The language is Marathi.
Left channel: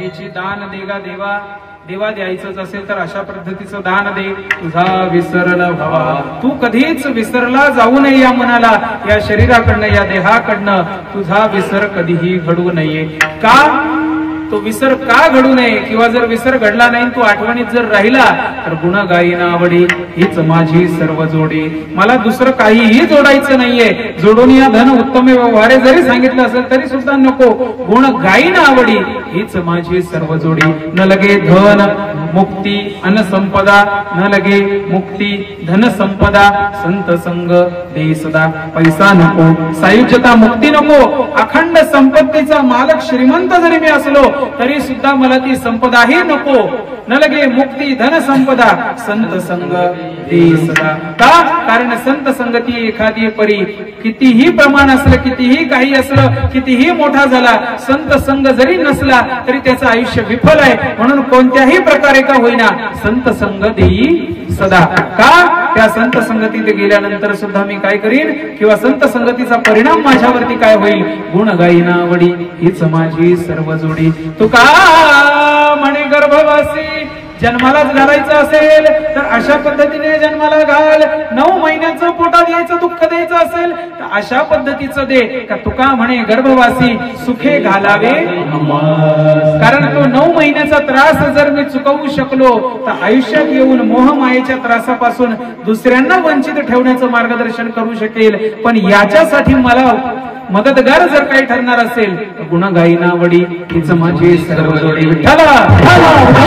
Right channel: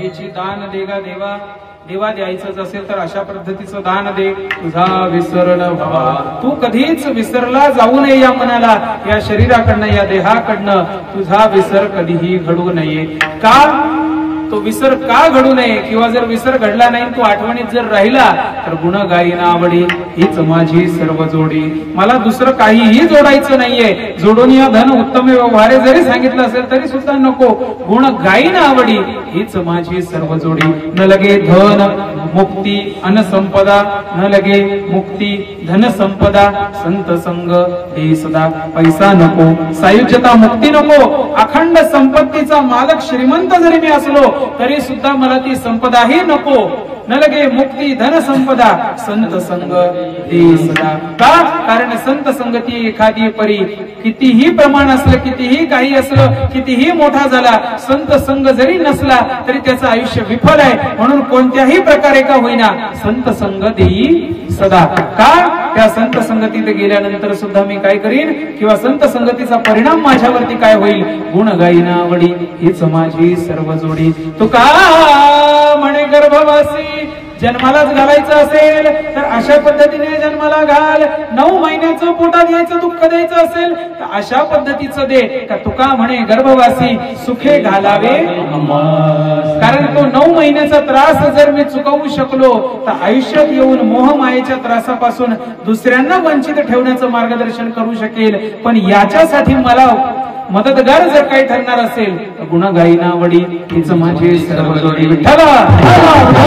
हेची दान देगा देवा, देवा द्यायचंच असेल तर अशा पद्धतीचं दान दे. तुझा विसरला व्हावा, तू कधीच विसरला जाऊ नये या मनाला, या शरीराकडनं, या देहाकडनं तुझा विसर कधीही घडू नये. का तो विसर का घडू नये, किंवा जर विसर घडला नाही तू आठवणीत जर राहिला तर गुण गायीना आवडी हीच माझी सर्व जोडी. मला दुसरं काहीही जोडायचं नाहीये. जोडून या धन उत्तम व्यवहारे जरी सांगितलं असेल तरी सुद्धा नको. गुण गायीना आवडी हीच माझी सर्व जोडी. न लगे धन मुक्ती अन संपदा, न लगे मुक्ती धन संपदा, संत संग दे सदा. पैसा नको, सायुज्यता मुक्ती नको, अखंड संपत्तीचा मालक श्रीमंत जरी मी असलो तरी सुद्धा मला ती संपदाही नको. न लगे मुक्ती धन संपदा, संत संग दे सदा. का? कारण संत संगती एखादी परी, कितीही प्रमाण असलं, कितीही काही असलं, कितीही मोठा झाला, संत संग जरी नसला तरी त्याचं आयुष्य विफल आहे. म्हणून कोणत्याही प्रकारे का होईना संत संग देई सदा. का? त्या संत संगतीत गेल्यानंतर सुद्धा मी काय करीन, किंवा संत संगतीचा परिणाम माझ्यावरती काय होईल. गुण गायीना आवडी हीच माझी सर्व जोडी. तुका म्हणे गर्भवासी जन्मालाच घालायचं असेल तर अशा पद्धतीने जन्माला घाल. 9 महिन्याचं पोटात यायचं दुःख द्यायचं असेल तर अशा पद्धतीचं दे. का तुका म्हणे गर्भवासी सुखे घालावे, कारण तो 9 महिन्याचा त्रास जर मी चुकवू शकलो तर आयुष्यात येऊन मोहमायेच्या त्रासापासून दुसऱ्यांना वंचित ठेवण्याचं मार्गदर्शन करू शकेल. पण याच्यासाठी मला मदतगार जर काही ठरणार असेल तर गुण गायीना आवडी हीच माझी सर्व जोडी. विठ्ठला